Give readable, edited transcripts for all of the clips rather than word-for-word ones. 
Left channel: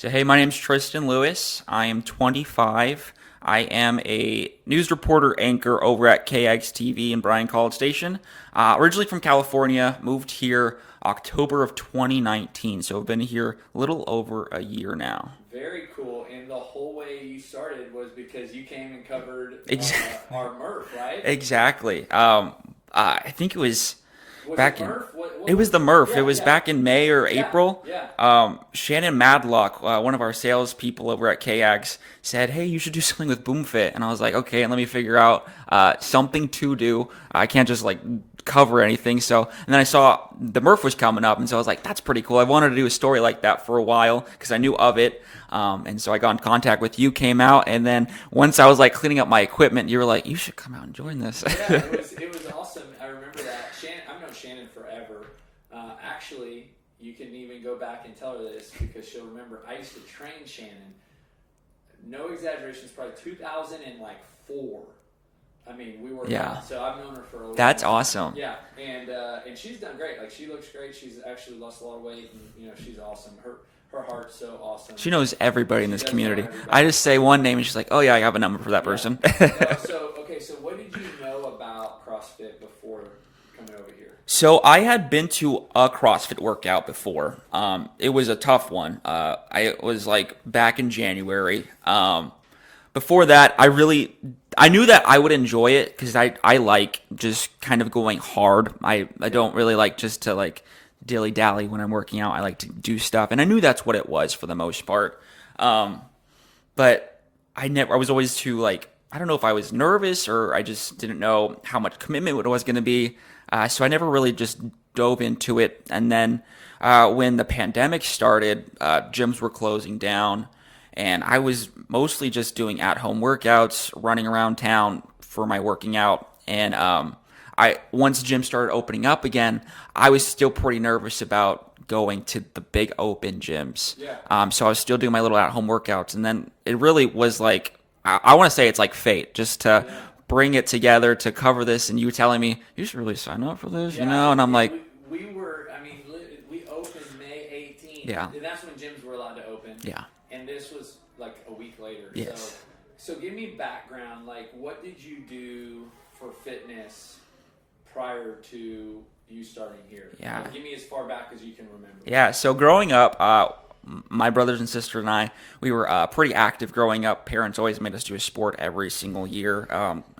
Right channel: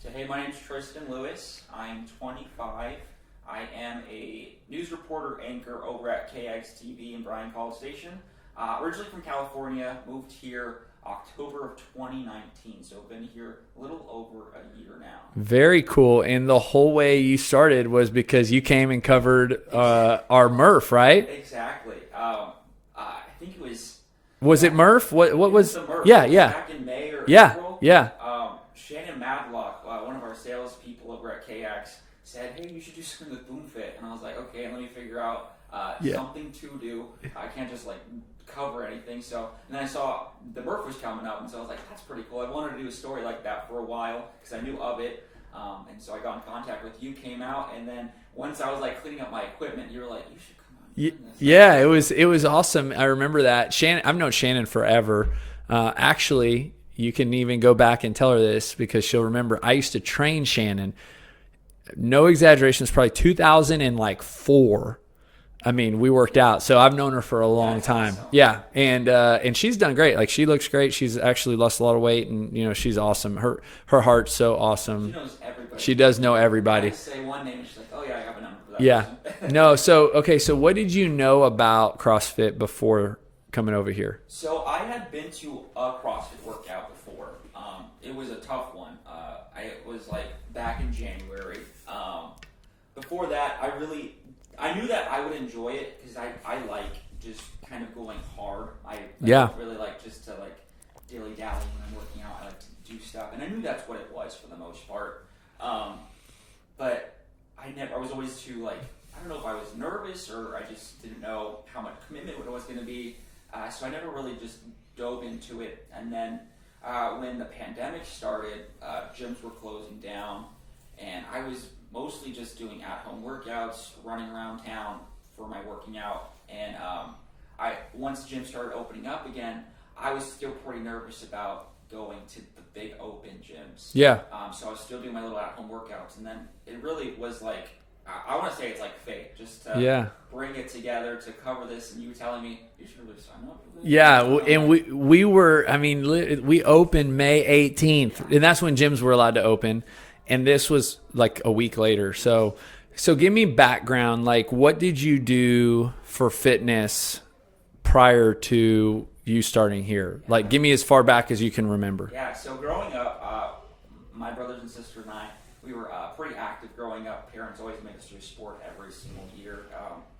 So, hey, my name's Tristen Lewis. I am 25. I am a news reporter anchor over at KXTB in Bryan College Station. Originally from California, moved here October of 2019. So I've been here a little over a year now. Very cool. And the whole way you started was because you came and covered our Murph, right? Exactly. I think it was... Was it Murph? What it was the Murph. Yeah, it was back in May or April. Yeah. Shannon Madlock, one of our salespeople over at KX, said, "Hey, you should do something with BoomFit." And I was like, "Okay, and let me figure out something to do. I can't just like cover anything." So, and then I saw the Murph was coming up, and so I was like, "That's pretty cool." I wanted to do a story like that for a while because I knew of it. And so I got in contact with you, came out, and then once I was like cleaning up my equipment, you were like, "You should come out and join this." Yeah, it was awesome. I remember that. Shannon, I've known Shannon forever. Actually, you can even go back and tell her this because she'll remember. I used to train Shannon. No exaggeration, it's probably 2004. I mean, we worked out, so I've known her for a long time. That's awesome. Yeah, and she's done great. Like, she looks great. She's actually lost a lot of weight, and she's awesome. Her heart's so awesome. She knows everybody. She in this does community. know everybody. I just say one name, and she's like, "Oh yeah, I have a number for that person." No, so what did you know about CrossFit before coming over here? So I had been to a CrossFit workout before. It was a tough one. I was like back in January. Before that, I knew that I would enjoy it because I like just kind of going hard. I don't really like just to like dilly-dally when I'm working out. I like to do stuff. And I knew that's what it was for the most part. But I was always too like, I don't know if I was nervous or I just didn't know how much commitment it was going to be. So I never really just dove into it. And then when the pandemic started, gyms were closing down. And I was mostly just doing at-home workouts, running around town for my working out. And once gyms started opening up again, I was still pretty nervous about going to the big open gyms. Yeah. So I was still doing my little at-home workouts. And then it really was like, I want to say it's like fate, just to bring it together to cover this. And you telling me, you should really sign up for this. Yeah. And I'm like, we opened May 18th. And that's when gyms were allowed to open. Yeah. And this was like a week later. Yes. So give me background. Like, what did you do for fitness prior to you starting here? Yeah. Like, give me as far back as you can remember. Yeah. So growing up, my brothers and sister and I, we were pretty active growing up. Parents always made us do a sport every single year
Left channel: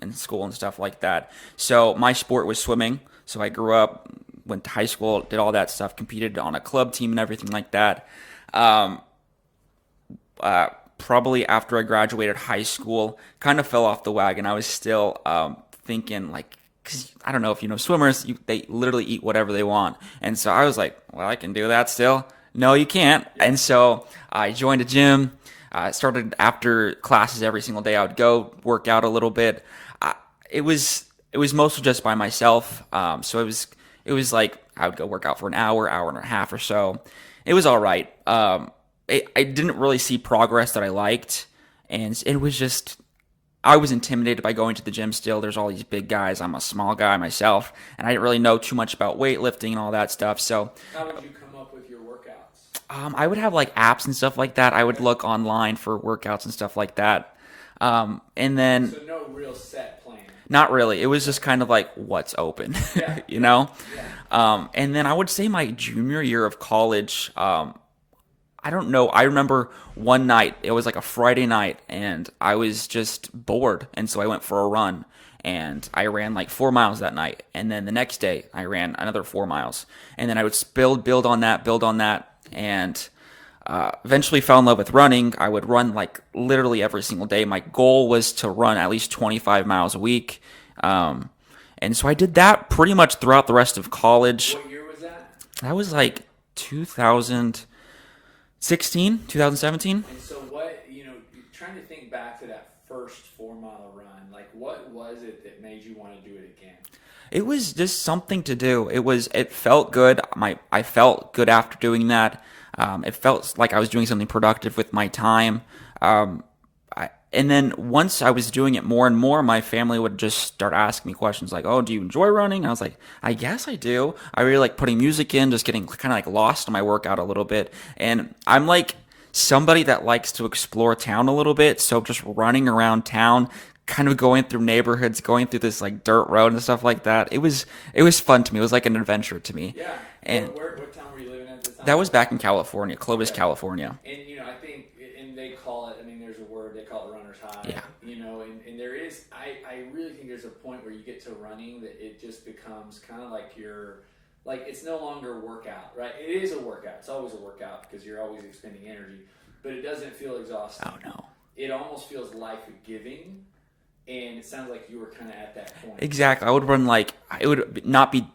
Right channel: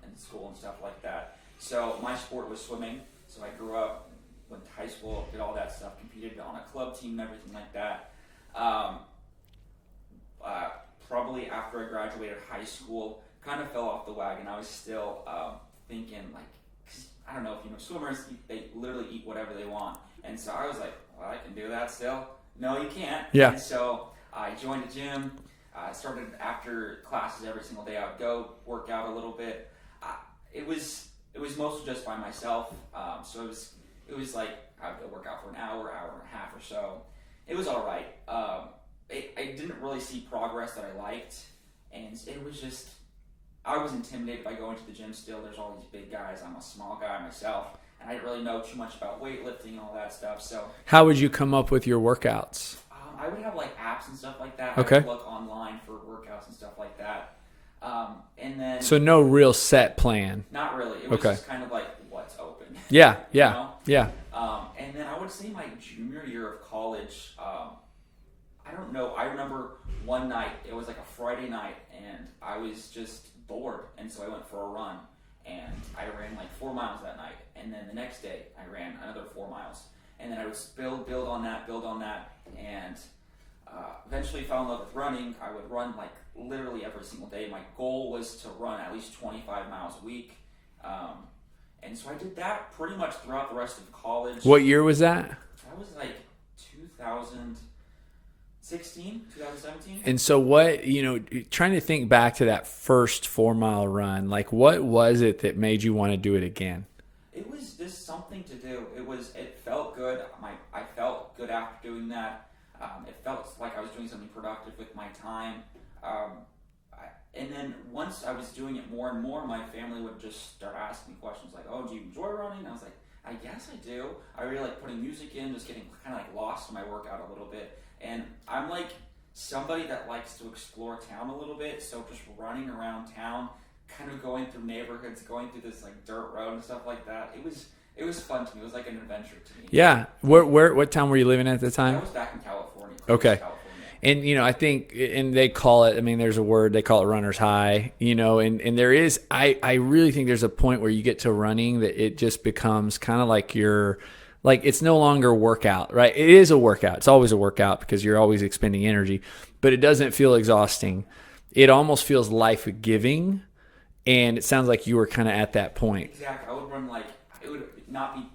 in school and stuff like that. So my sport was swimming. So I grew up, went to high school, did all that stuff, competed on a club team and everything like that. Probably after I graduated high school, kind of fell off the wagon. I was still thinking like, because I don't know if you know swimmers, they literally eat whatever they want. And so I was like, well, I can do that still. No, you can't. Yeah. And so I joined a gym. Started after classes every single day. I would go work out a little bit. It was mostly just by myself. So it was like I would go work out for an hour and a half or so. It was all right. I didn't really see progress that I liked, and it was just, I was intimidated by going to the gym still. There's all these big guys. I'm a small guy myself, and I didn't really know too much about weightlifting and all that stuff. So how would you come up with your workouts? I would have like apps and stuff like that. Okay. I would look online for workouts and stuff like that. And then... So no real set plan? Not really. It was just kind of like what's open. Yeah. you know? Yeah. And then I would say my junior year of college... I don't know. I remember one night, it was like a Friday night, and I was just bored. And so I went for a run, and I ran like 4 miles that night. And then the next day, I ran another 4 miles. And then I would build on that, and eventually fell in love with running. I would run like literally every single day. My goal was to run at least 25 miles a week. And so I did that pretty much throughout the rest of college. What year was that? That was like 2017. And so what, trying to think back to that first 4 mile run, like what was it that made you want to do it again? It was just something to do. It felt good. I felt good after doing that. It felt like I was doing something productive with my time. And then once I was doing it more and more, my family would just start asking me questions like, "Oh, do you enjoy running?" And I was like, "I guess I do. I really like putting music in, just getting kind of like lost in my workout a little bit." And I'm like somebody that likes to explore town a little bit. So just running around town, kind of going through neighborhoods, going through this like dirt road and stuff like that. It was fun to me. It was like an adventure to me. Yeah. What town were you living at the time? That was back in California, Clovis, Okay. California. And I think, and they call it, I mean, there's a word, they call it runner's high, and there is, I really think there's a point where you get to running that it just becomes kind of like it's no longer a workout, right? It is a workout. It's always a workout because you're always expending energy, but it doesn't feel exhausting. Oh, no. It almost feels life-giving. And it sounds like you were kind of at that point. Exactly. I would run it would not be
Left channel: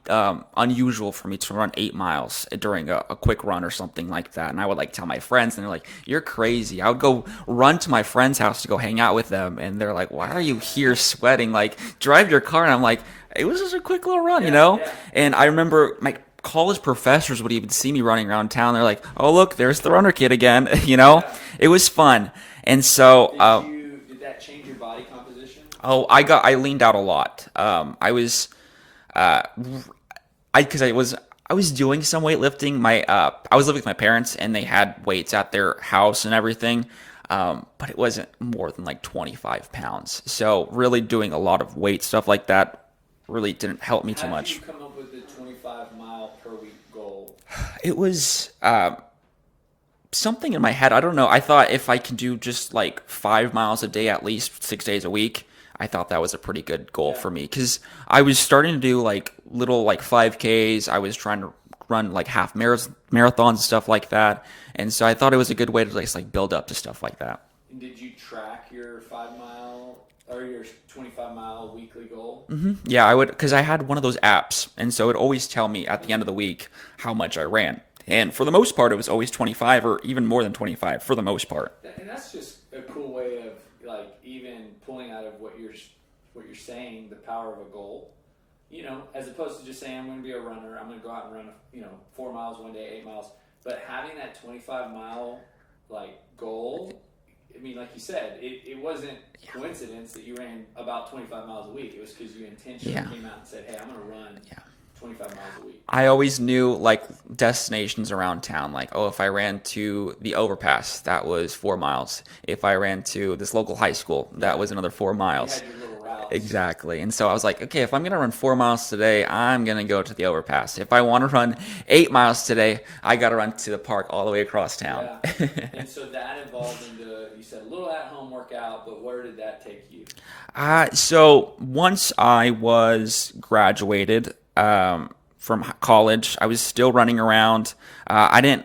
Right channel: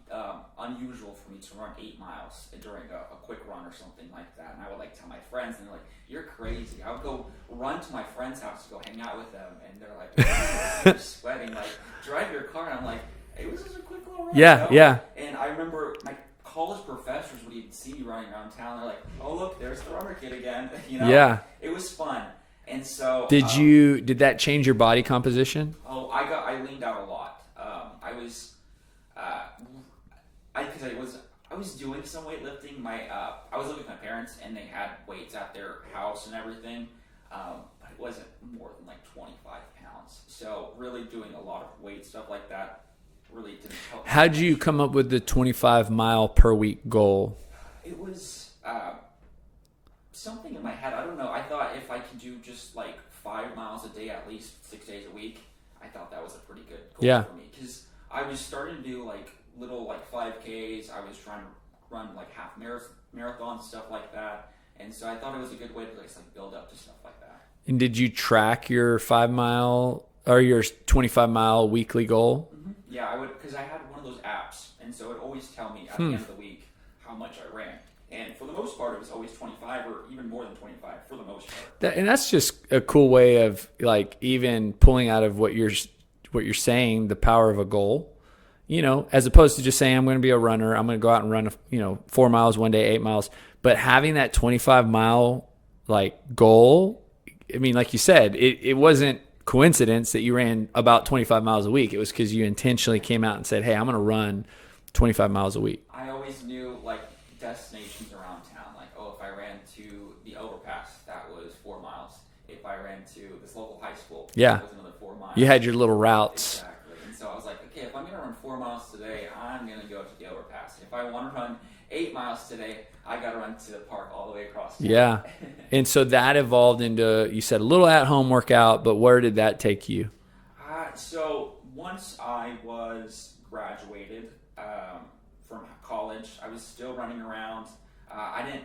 unusual for me to run 8 miles during a quick run or something like that. And I would tell my friends, and they're like, "You're crazy." I would go run to my friend's house to go hang out with them, and they're like, "Why are you here sweating? Drive your car." And I'm like, "It was just a quick little run, Yeah, yeah. And I remember my college professors would even see me running around town. They're like, "Oh, look, there's the runner kid again." Yeah. It was fun. And so did that change your body composition? I leaned out a lot. Because I was doing some weightlifting. I was living with my parents, and they had weights at their house and everything. But it wasn't more than 25 pounds. So really doing a lot of weight stuff like that really didn't help me too much. How did you come up with the 25-mile per week goal? It was something in my head. I don't know. I thought if I can do just 5 miles a day, at least 6 days a week, I thought that was a pretty good goal for me. Because I was starting to do little 5Ks. I was trying to run half marathons and stuff like that. And so I thought it was a good way to just build up to stuff like that. And did you track your 5-mile or your 25-mile weekly goal? Mm-hmm. Yeah, I would, because I had one of those apps, and so it would always tell me at the end of the week how much I ran. And for the most part, it was always 25 or even more than 25 for the most part. And that's just a cool way of even pulling out of what you're saying, the power of a goal, as opposed to just saying, I'm going to be a runner. I'm going to go out and run, 4 miles one day, 8 miles. But having that 25-mile goal, I mean, like you said, it wasn't coincidence that you ran about 25 miles a week. It was because you intentionally came out and said, hey, I'm going to run 25 miles a week. I always knew destinations around town. If I ran to the overpass, that was 4 miles. If I ran to this local high school, that was another 4 miles. You had your little routes. Exactly. And so I was like, okay, if I'm going to run 4 miles today, I'm going to go to the overpass. If I want to run 8 miles today, I got to run to the park all the way across town. Yeah. And so that evolved into, you said, a little at-home workout, but where did that take you? So once I was graduated from college, I was still running around. I didn't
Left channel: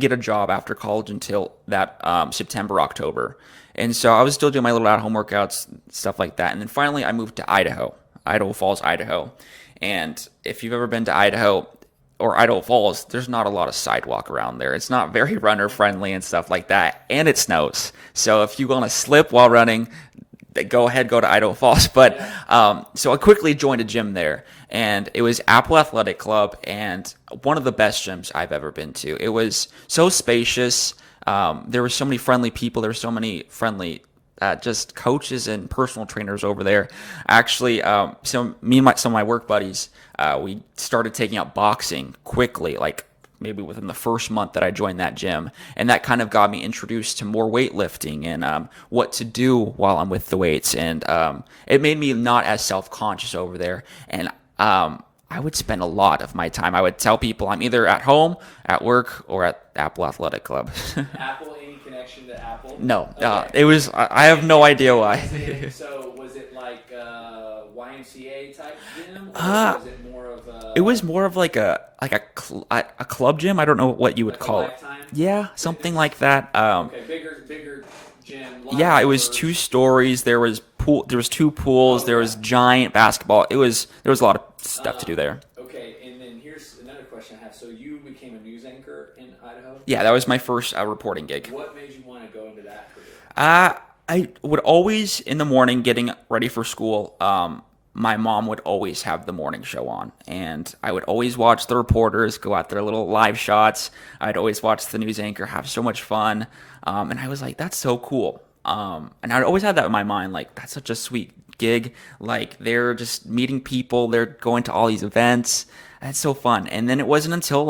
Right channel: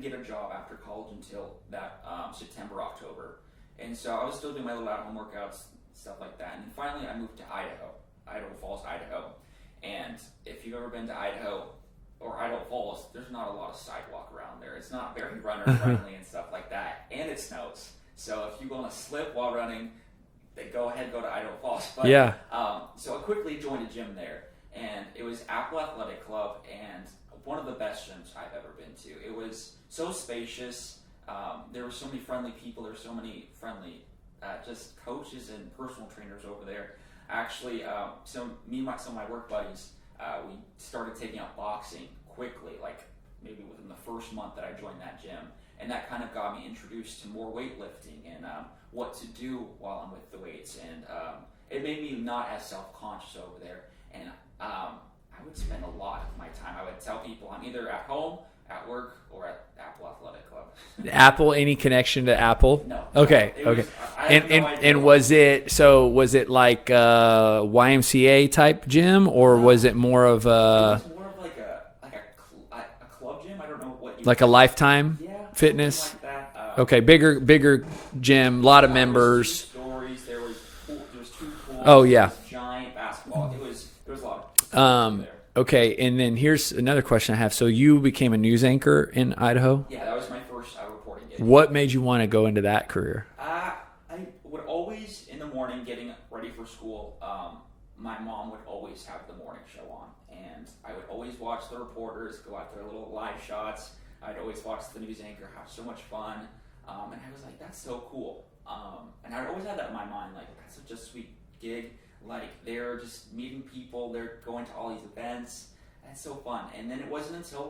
get a job after college until that September, October. And so I was still doing my little at-home workouts, stuff like that. And then finally I moved to Idaho Falls, Idaho. And if you've ever been to Idaho or Idaho Falls, there's not a lot of sidewalk around there. It's not very runner friendly and stuff like that. And it snows. So if you want to slip while running, go to Idaho Falls. But so I quickly joined a gym there, and it was Apple Athletic Club, and one of the best gyms I've ever been to. It was so spacious. There were so many friendly people. There were so many friendly just coaches and personal trainers over there. Actually, so me and some of my work buddies, we started taking up boxing quickly, maybe within the first month that I joined that gym. And that kind of got me introduced to more weightlifting and what to do while I'm with the weights. And it made me not as self-conscious over there. And I would spend a lot of my time. I would tell people I'm either at home, at work, or at Apple Athletic Club. Apple, any connection to Apple? No. Okay. It was, I have no idea why. Was it like a YMCA type gym, or was it more of a... It was more of a club gym. I don't know what you would call a Lifetime? Yeah, Fitness? something like that. Okay, bigger gym, a lot of members. It was 2 stories. There was 2 pools. There was giant basketball. There was a lot of stuff to do there. Okay, and then here's another question I have. So you became a news anchor in Idaho? Yeah, that was my first reporting gig. What made you want to go into that career? I would always, in the morning, getting ready for school, my mom would always have the morning show on, and I would always watch the reporters go out their little live shots. I'd always watch the news anchor have so much fun, and I was like, that's so cool. And I'd always had that in my mind, that's such a sweet gig. They're just meeting people, they're going to all these events. That's so fun. And then it wasn't until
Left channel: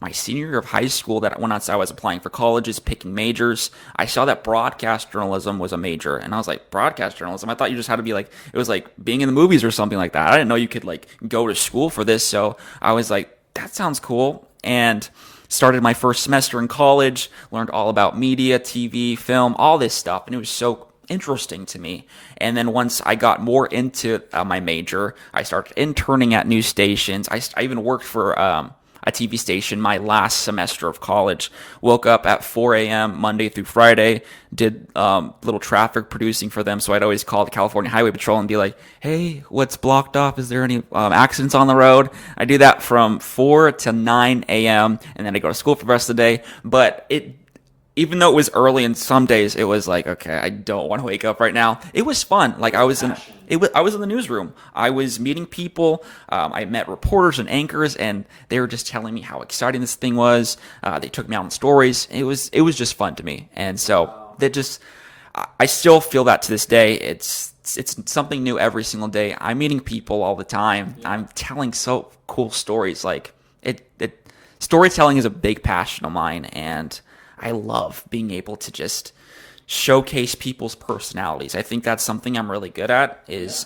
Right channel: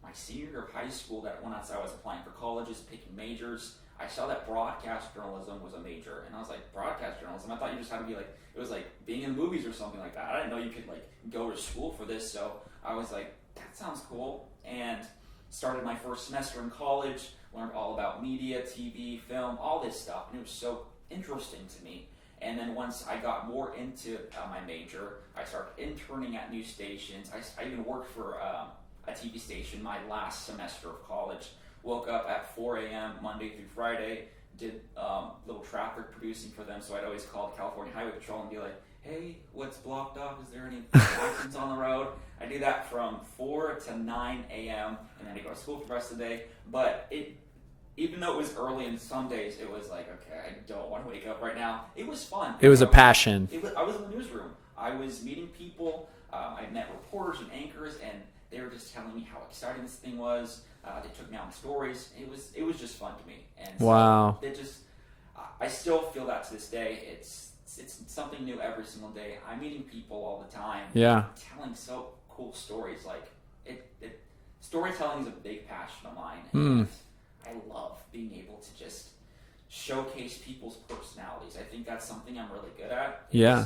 my senior year of high school that when I was applying for colleges, picking majors, I saw that broadcast journalism was a major. And I was like, broadcast journalism? I thought you just had to be like, it was like being in the movies or something like that. I didn't know you could like go to school for this. So I was like, that sounds cool. And started my first semester in college, learned all about media, TV, film, all this stuff. And it was so interesting to me. And then once I got more into my major, I started interning at news stations. I even worked for a TV station my last semester of college. Woke up at 4 a.m. Monday through Friday, did little traffic producing for them. So I'd always call the California Highway Patrol and be like, hey, what's blocked off? Is there any accidents on the road? I do that from 4 to 9 a.m. and then I go to school for the rest of the day. But even though it was early and some days it was like, okay, I don't want to wake up right now. It was fun. Like I was a passion. I was in the newsroom. I was meeting people. I met reporters and anchors, and they were just telling me how exciting this thing was. They took me out on stories. It was just fun to me, and so Wow. I still feel that to this day. It's something new every single day. I'm meeting people all the time. Yeah. I'm telling so cool stories. Like storytelling is a big passion of mine, and I love being able to just showcase people's personalities. I think that's something I'm really good at.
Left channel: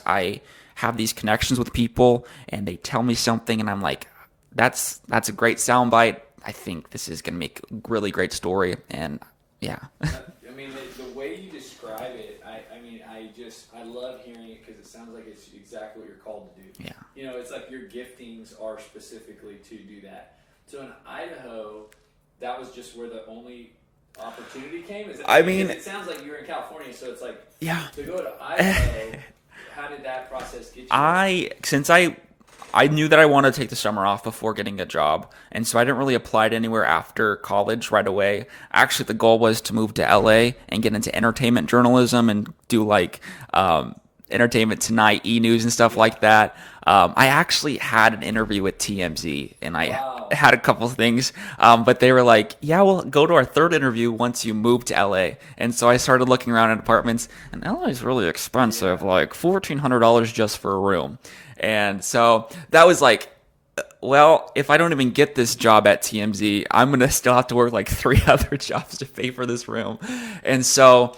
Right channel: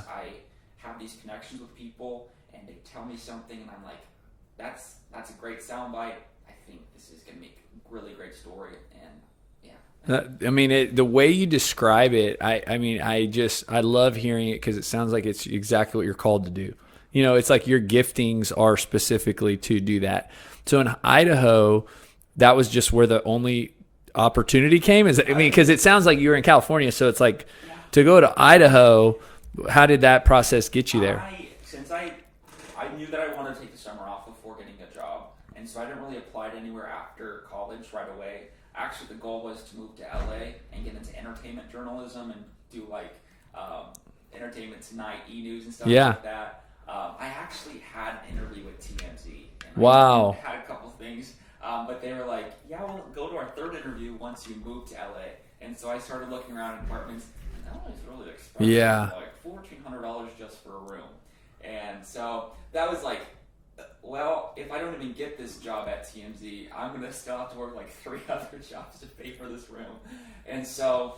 I have these connections with people and they tell me something and I'm like, that's a great soundbite. I think this is going to make a really great story. And yeah. I mean, the way you describe it, I love hearing it because it sounds like it's exactly what you're called to do. Yeah. You know, it's like your giftings are specifically to do that. So in Idaho, that was just where the only opportunity came? Because it sounds like you were in California, so it's like to go to Idaho, how did that process get you there? Since I knew that I wanted to take the summer off before getting a job, and so I didn't really apply to anywhere after college right away. Actually, the goal was to move to LA and get into entertainment journalism and do like Entertainment Tonight, E-News and stuff like that. I actually had an interview with TMZ, and I had a couple of things, but they were like, yeah, we'll go to our third interview once you move to LA. And so I started looking around at apartments, and LA is really expensive, like $1,400 just for a room. And so that was like, well, if I don't even get this job at TMZ, I'm going to still have to work like 3 other jobs to pay for this room. And so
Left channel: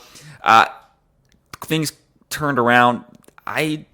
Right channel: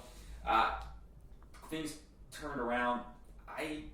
things turned around. I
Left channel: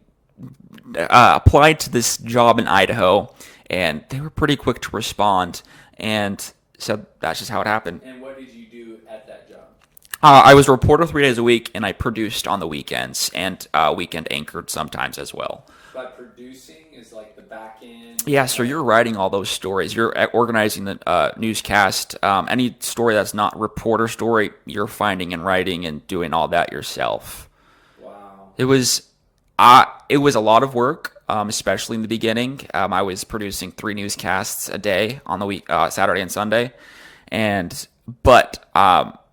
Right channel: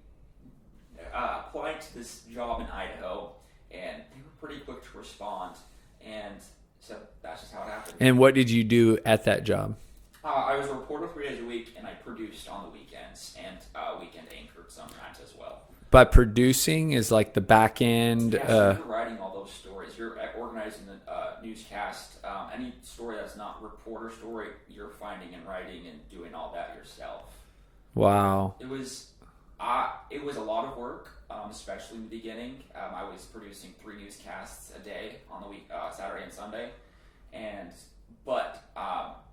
applied to this job in Idaho, and they were pretty quick to respond. And so that's just how it happened. And what did you do at that job? I was a reporter 3 days a week, and I produced on the weekends and weekend anchored sometimes as well. By producing is like the back end? Yeah, so you're writing all those stories. You're organizing the newscast. Any story that's not reporter story, you're finding and writing and doing all that yourself. Wow. It was a lot of work, especially in the beginning. I was producing 3 newscasts a day on the week, Saturday and Sunday, but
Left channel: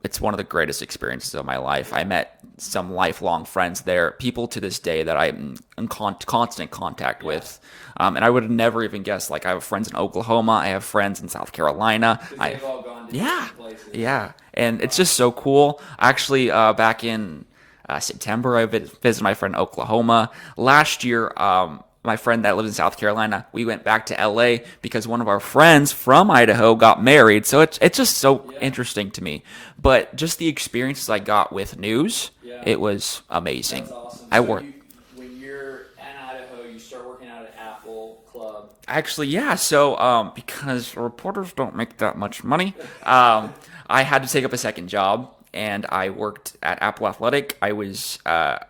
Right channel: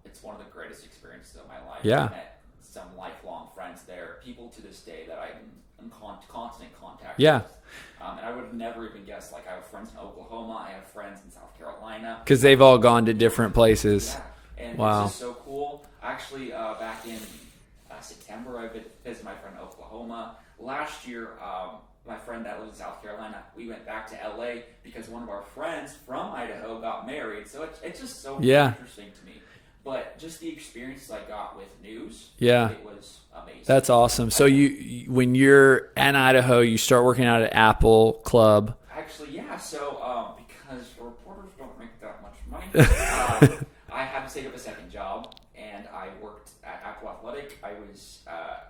it's one of the greatest experiences of my life. Yeah. I met some lifelong friends there, people to this day that I'm in constant contact with. And I would have never even guessed, like I have friends in Oklahoma, I have friends in South Carolina. Because they've all gone to different places. Yeah, and it's just so cool. Actually, back in September, I visited my friend in Oklahoma. Last year, my friend that lives in South Carolina, we went back to LA because one of our friends from Idaho got married. So it's just so interesting to me. But just the experiences I got with news, it was amazing. That's awesome. So when you're in Idaho, you start working out at Apple Club. Actually, yeah. So because reporters don't make that much money, I had to take up a second job, and I worked at Apple Athletic. I was a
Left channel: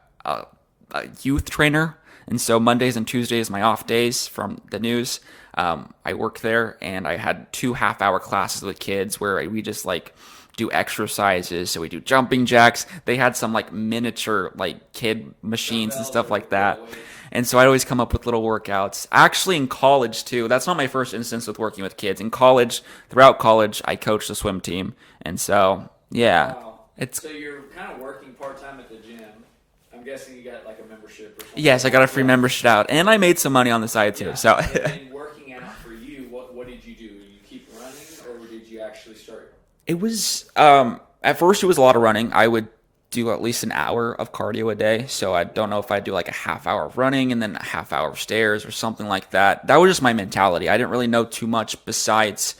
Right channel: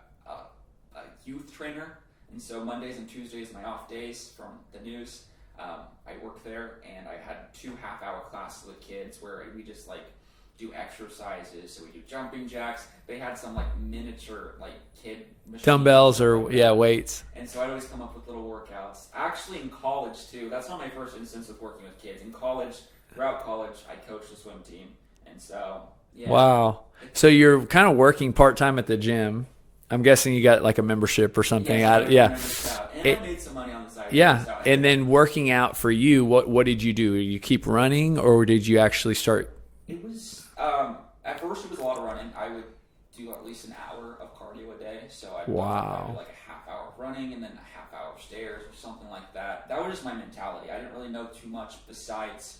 youth trainer. And so Mondays and Tuesdays, my off days from the news, I worked there, and I had 2 half-hour classes with kids where we just like do exercises. So we do jumping jacks. They had some like miniature like kid machines Dumbbells and stuff like that. Weights. And so I'd always come up with little workouts. Actually, in college too. That's not my first instance with working with kids. In college, throughout college, I coached the swim team, and so Wow. So you're kind of working part-time at the gym. I'm guessing you got like a membership or something. Yes, I got a free membership out, and I made some money on the side too. Yeah. So. And then working out for you, what did you do? Did you keep running, or did you actually start? It was at first it was a lot of running. I would do at least an hour of cardio a day. So I don't know if I'd do like a half hour of running and then a half hour of stairs or something like that. That was just my mentality. I didn't really know too much besides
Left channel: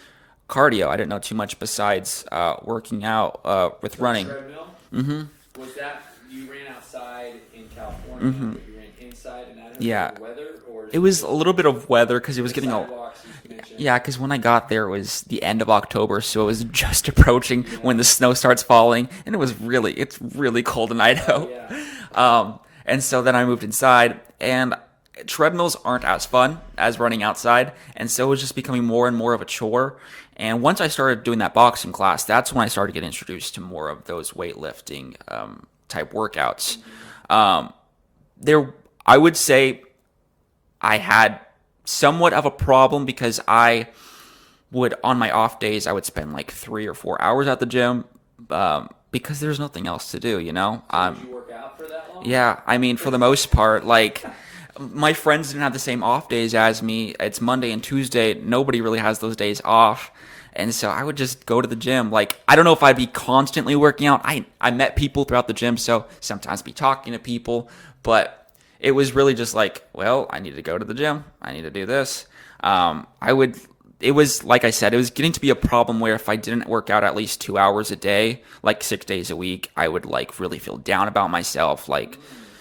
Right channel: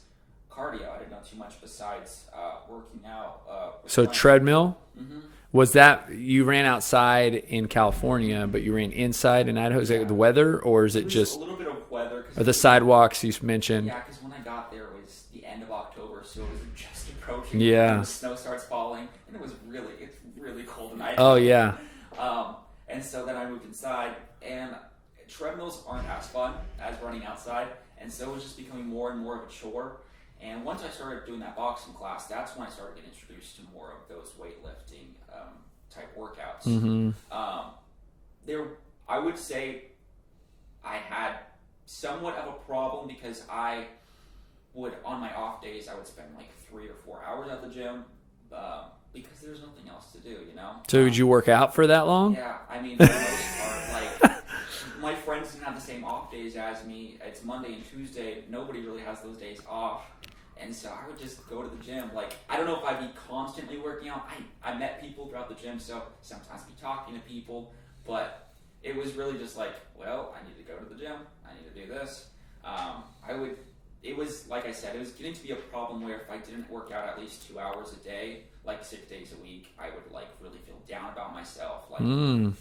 cardio. I didn't know too much besides working out with So running. treadmill. Mm-hmm. Was that you ran outside in California, but you ran inside in Idaho? Is Yeah. it the weather, or is it, It was just a little bit of weather because it the was getting sidewalks you mentioned? Yeah, because when I got there, it was the end of October, so it was just approaching Yeah. when the snow starts falling, and it's really cold in Idaho. Oh yeah. And so then I moved inside, and treadmills aren't as fun as running outside, and so it was just becoming more and more of a chore. And once I started doing that boxing class, that's when I started getting introduced to more of those weightlifting type workouts. I would say I had somewhat of a problem because I would, on my off days, I would spend like 3 or 4 hours at the gym because there's nothing else to do, you know? So did you work out for that long? Yeah, I mean, for the most part, like my friends didn't have the same off days as me. It's Monday and Tuesday. Nobody really has those days off. And so I would just go to the gym. Like, I don't know if I'd be constantly working out. I met people throughout the gym, so sometimes be talking to people. But it was really just like, well, I need to go to the gym. I need to do this. It was, like I said, it was getting to be a problem where if I didn't work out at least 2 hours a day, like 6 days a week, I would like really feel down about myself. Like, and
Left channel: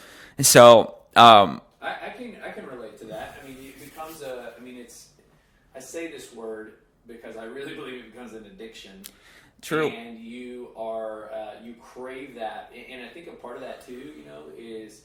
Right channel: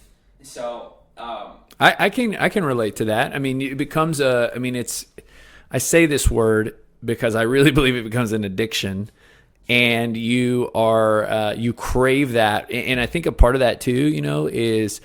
so, I can relate to that. I mean, it becomes I say this word because I really believe it becomes an addiction. True. And you crave that. And I think a part of that too, is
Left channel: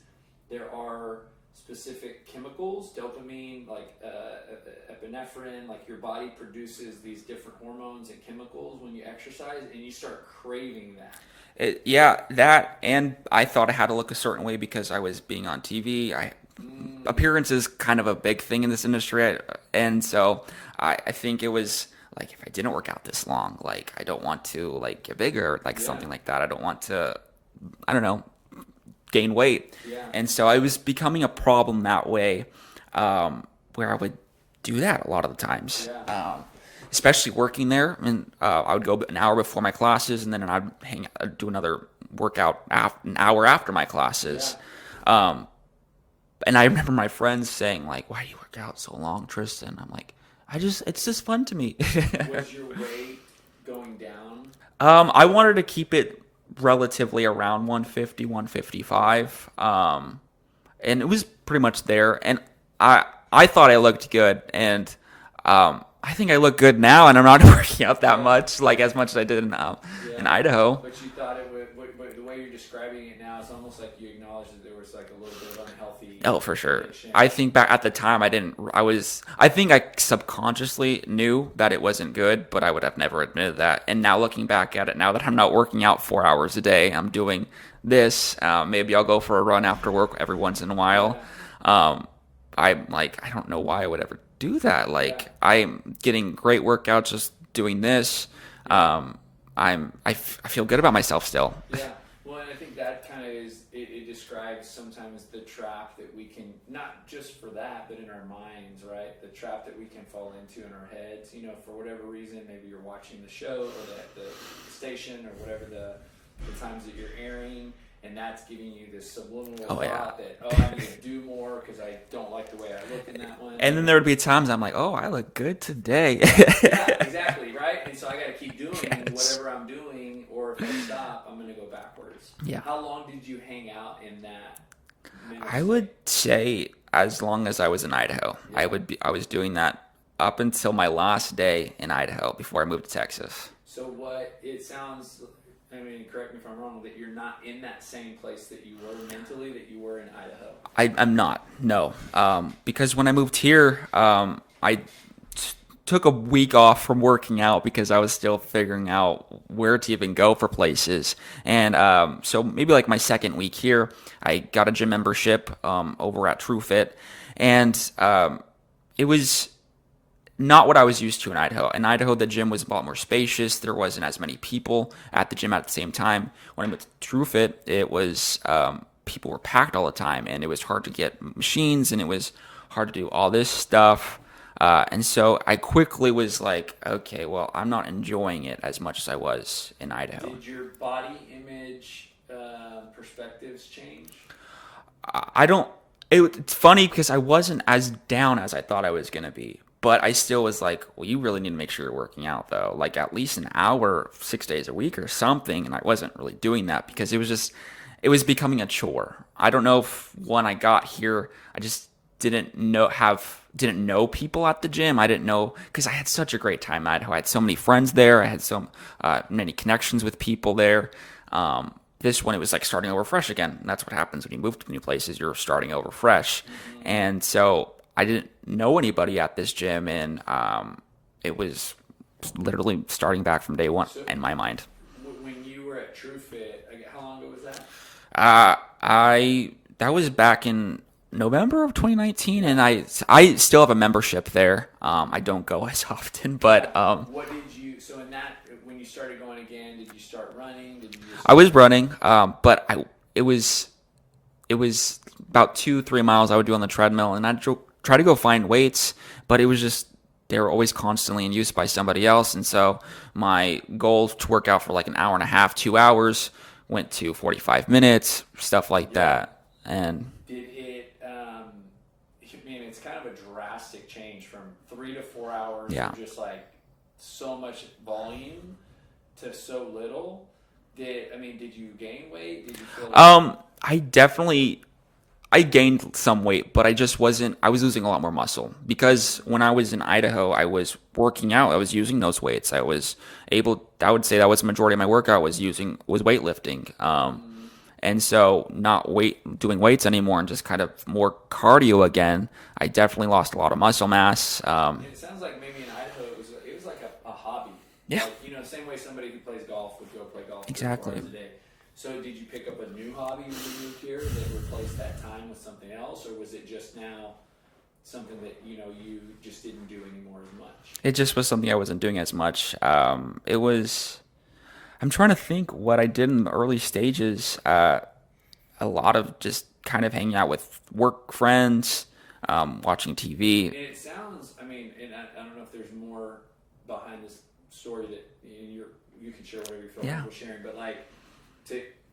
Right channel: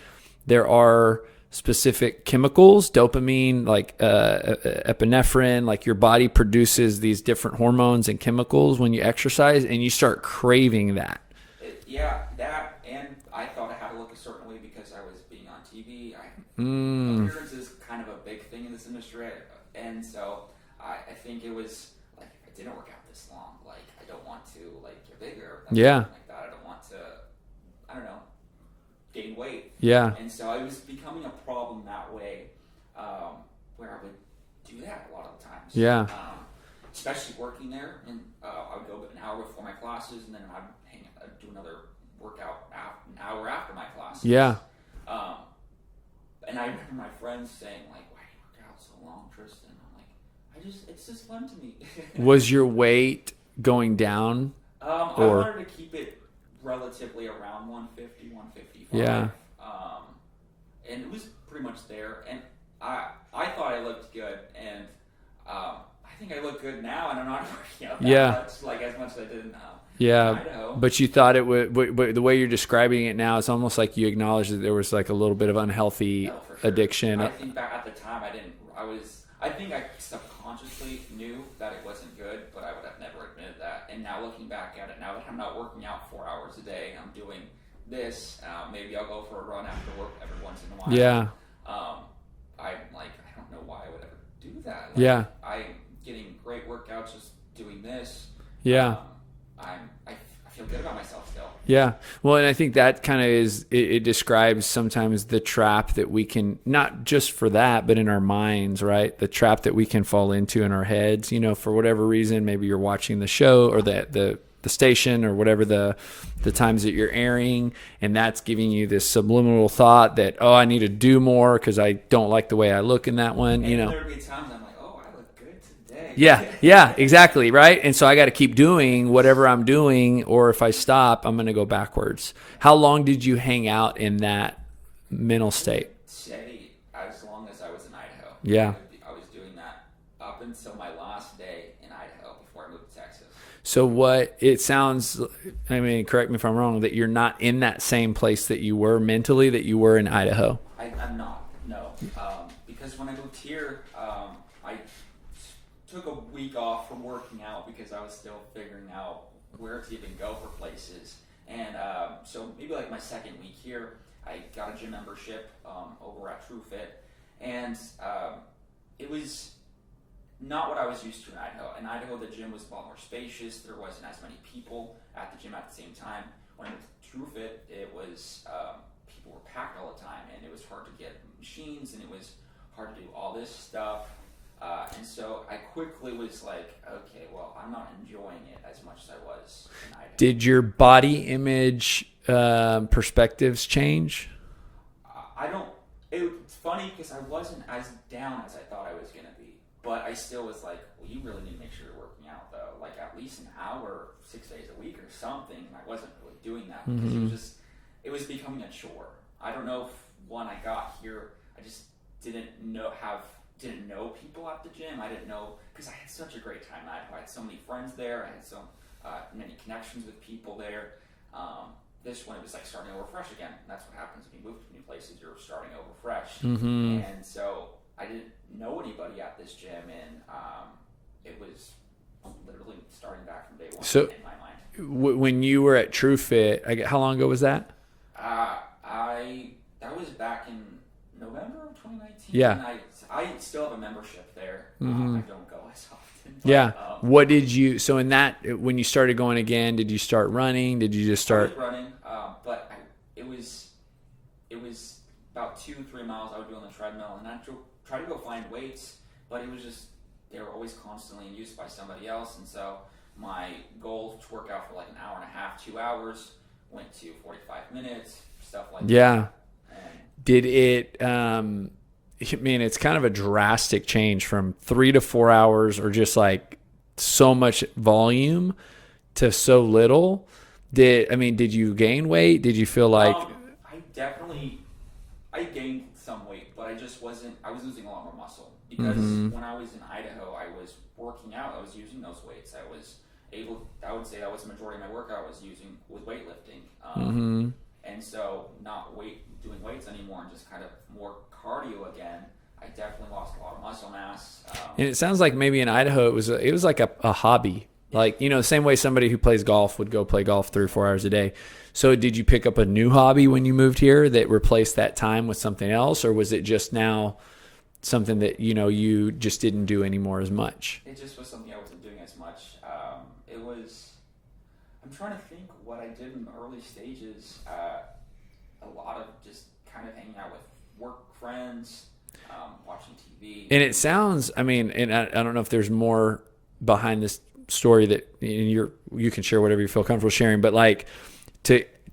there are specific chemicals, dopamine, like epinephrine, like your body produces these different hormones and chemicals when you exercise, and you start craving that. That, and I thought I had to look a certain way because I was being on TV. Appearance is kind of a big thing in this industry, and so I think it was like, if I didn't work out this long, like I don't want to like get bigger, like something like that. I don't want to, I don't know, gain weight. Yeah. And so I was becoming a problem that way, where I would do that a lot of the times. Yeah. Especially working there, and I would go an hour before my classes, and then I'd do another workout an hour after my classes. Yeah. And I remember my friends saying like, "Why do you work out so long, Tristen?" I'm like, it's just fun to me. Was your weight going down? I wanted to keep it relatively around 150, 155. And it was pretty much there. And I thought I looked good, and I think I look good now, and I'm not working out that much, like as much as I did in Idaho. But you thought it would, but the way you're describing it now, it's almost like you acknowledge that there was like a little bit of unhealthy for sure. addiction. I think back at the time, I think I subconsciously knew that it wasn't good, but I would have never admitted that. And now looking back at it, now that I'm not working out 4 hours a day, I'm doing this. Maybe I'll go for a run after work every once in a while. I'm like, I don't know why I would ever do that. Like, I'm getting great workouts just doing this. I feel good about myself still. Yeah. Well, and I think that kind of it describes sometimes the trap that we can, not just for that, but in our minds, right? The trap that we can fall into in our heads, for whatever reason. Maybe you're watching the show or the station or whatever the times that you're airing, and that's giving you this subliminal thought that, I need to do more because I don't like the way I look in that one. And then there would be times I'm like, I look good today. Yeah, exactly, right? And so I got to keep doing whatever I'm doing, or if I stop, I'm going to go backwards. Yeah. How long did you hang out in that mental state? I would say as long as I was in Idaho. Yeah. I was doing that up until my last day in Idaho before I moved to Texas. So correct me if I'm wrong, that you're not in that same place that you were mentally that you were in Idaho? I'm not, no. Because when I moved here, I took a week off from working out because I was still figuring out where to even go for places. And so maybe like my second week here, I got a gym membership over at TrueFit. And it was not what I was used to in Idaho. In Idaho, the gym was a lot more spacious. There wasn't as many people at the gym at the same time. When I went to TrueFit, it was people were packed all the time, and it was hard to get machines, and it was hard to do all this stuff. And so I quickly was like, okay, well, I'm not enjoying it as much as I was in Idaho. Did your body image perspectives change? It's funny because I wasn't as down as I thought I was going to be. But I still was like, well, you really need to make sure you're working out though, like at least an hour, 6 days a week or something. And I wasn't really doing that because it was becoming a chore. I don't know if when I got here, I just didn't know people at the gym. I didn't know, because I had such a great time in Idaho. I had so many friends there. I had so many connections with people there. This one, it was like starting over fresh again. And that's what happens when you move to new places. You're starting over fresh. And so I didn't know anybody at this gym, and it was literally starting back from day one in my mind. When you were at TrueFit, how long ago was that? That was back in November of 2019, and I still have a membership there. I don't go as often, but what did you? So in that, when you started going again, did you start running? Did you just? I was running, but it was about 2-3 miles I would do on the treadmill, and I'd try to go find weights, but it was just they were always constantly in use by somebody else, and so my goal to work out for like an hour and a half, 2 hours, went to 45 minutes, stuff like that. And did it? I mean, it's kind of a drastic change from 3 to 4 hours, or just like so much volume to so little. Did you gain weight? Did you feel like? I gained some weight, but I was losing a lot more muscle because when I was in Idaho, I was working out. I was using those weights. I would say that was the majority of my workout was weightlifting. And so not doing weights anymore and just kind of more cardio again, I definitely lost a lot of muscle mass. And it sounds like maybe in Idaho, it was like a hobby. Yeah. Like, the same way somebody who plays golf would go play golf 3 or 4 hours a day. So did you pick up a new hobby when you moved here that replaced that time with something else? Or was it just now something that, you just didn't do anymore as much? It just was something I wasn't doing as much. I'm trying to think what I did in the early stages. A lot of just kind of hanging out with work friends, watching TV. And it sounds, and I don't know if there's more behind this story that you can share whatever you feel comfortable sharing, but like,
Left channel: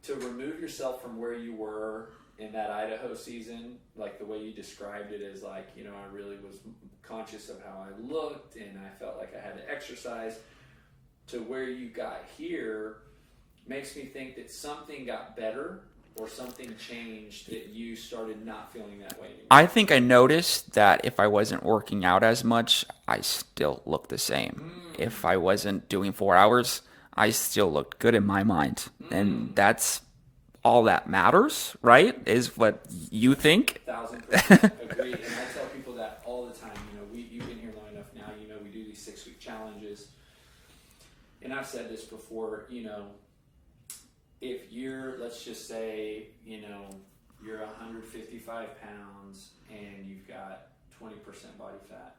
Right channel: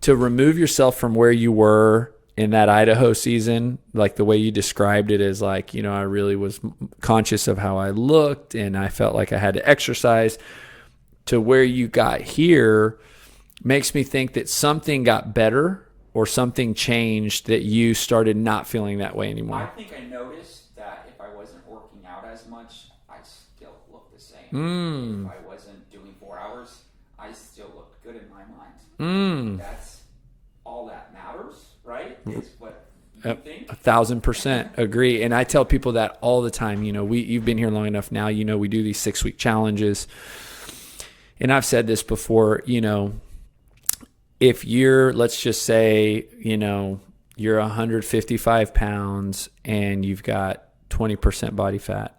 to remove yourself from where you were in that Idaho season, like the way you described it as like, I really was conscious of how I looked and I felt like I had to exercise, to where you got here makes me think that something got better or something changed that you started not feeling that way anymore. I think I noticed that if I wasn't working out as much, I still looked the same. If I wasn't doing 4 hours, I still looked good in my mind. And that's all that matters, right? Is what you think. 1,000% agree. And I tell people that all the time. You've been here long enough now. We do these 6-week challenges. And I've said this before, if let's just say, you're 155 pounds and you've got 20% body fat.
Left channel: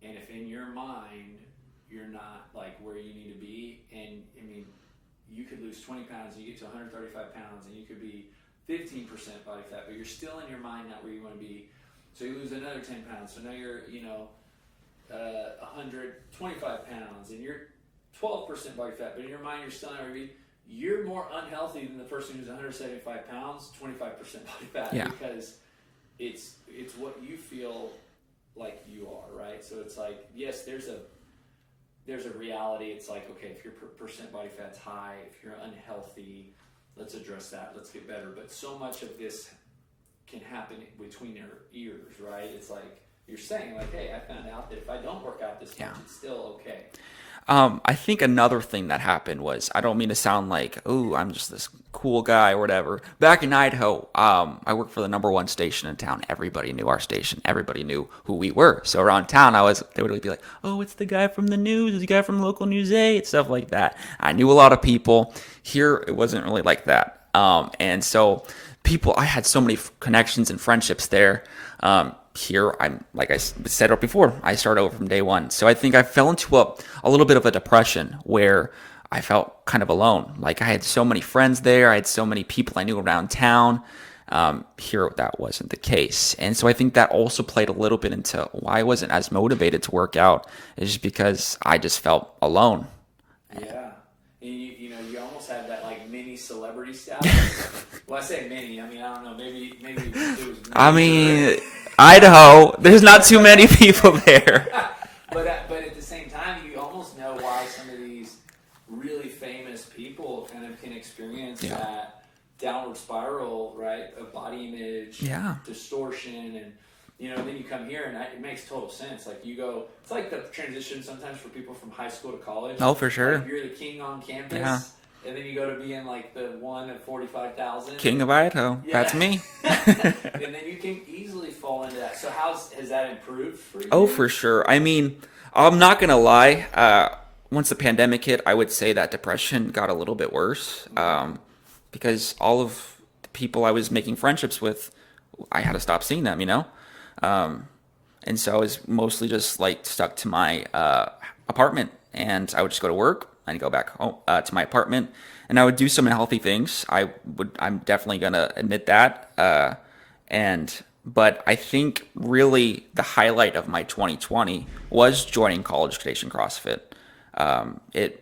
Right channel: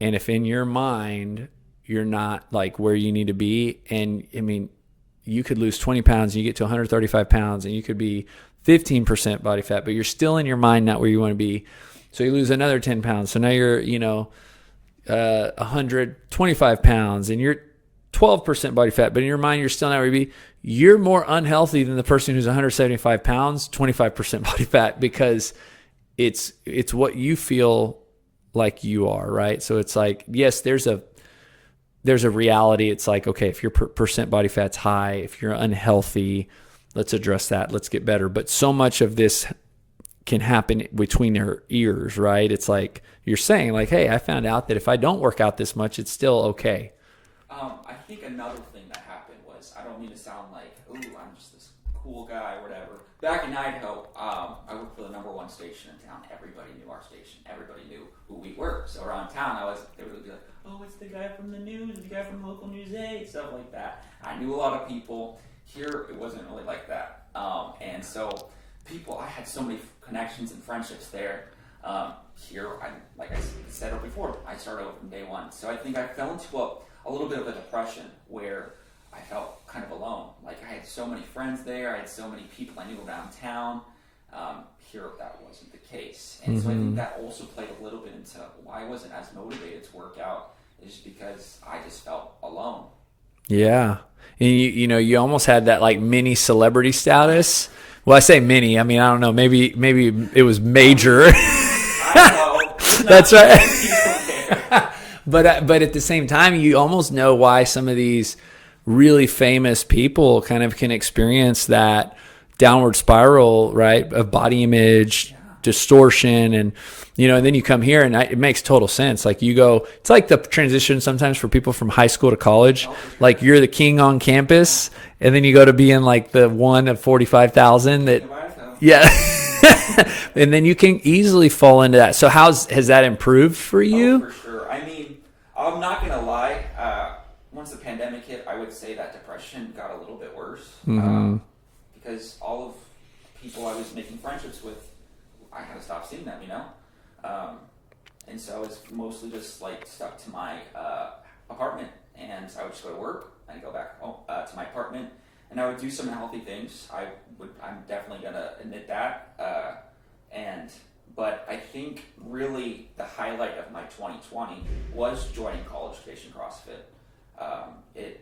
And if in your mind, you're not like where you need to be. And you could lose 20 pounds and you get to 135 pounds and you could be 15% body fat, but you're still in your mind not where you want to be. So you lose another 10 pounds. So now you're, 125 pounds and you're 12% body fat, but in your mind, you're still not where you be. You're more unhealthy than the person who's 175 pounds, 25% body fat, because it's what you feel like you are, right? So it's like, yes, there's a reality. It's like, okay, if your percent body fat's high, if you're unhealthy, let's address that. Let's get better. But so much of this can happen between your ears, right? It's like you're saying like, hey, I found out that if I don't work out this much, it's still okay. I think another thing that happened was, I don't mean to sound like, oh, I'm just this cool guy or whatever. Back in Idaho, I worked for the #1 station in town. Everybody knew our station. Everybody knew who we were. So around town, they would be like, oh, it's the guy from the news, it's the guy from local News 8, stuff like that. I knew a lot of people. Here, it wasn't really like that. And so I had so many connections and friendships there. Here, like I said before, I started over from day one. So I think I fell into a little bit of a depression where I felt kind of alone. Like I had so many friends there. I had so many people I knew around town. Here, that wasn't the case. And so I think that also played a little bit into why I wasn't as motivated to work out. It's just because I just felt alone. Yeah. And you almost had that like mini celebrity status. Well, I say mini. I don't know. Maybe it was major. Idaho. There's not too many people there. But at the same time, you almost know why some of these really famous people kind of can experience that downward spiral, right, of body image, distortion, and and then you come here and it makes total sense. Like you go, it's like the transition sometimes for people from high school to college. Oh, for sure. Like you're the king on campus, and then you go to being like the one of 45,000. King of Idaho. Yeah. And then you can easily fall into that. So has that improved for you? Oh, for sure. I mean, I'm not going to lie. Once the pandemic hit, I would say that depression got a little bit worse. Because all of the people I was making friendships with, I had to stop seeing them, and so I was mostly just like stuck to my apartment, and I would just go to work and go back home to my apartment, and I would do some unhealthy things. I'm definitely gonna admit that, but I think really the highlight of my 2020 was joining College Station CrossFit. It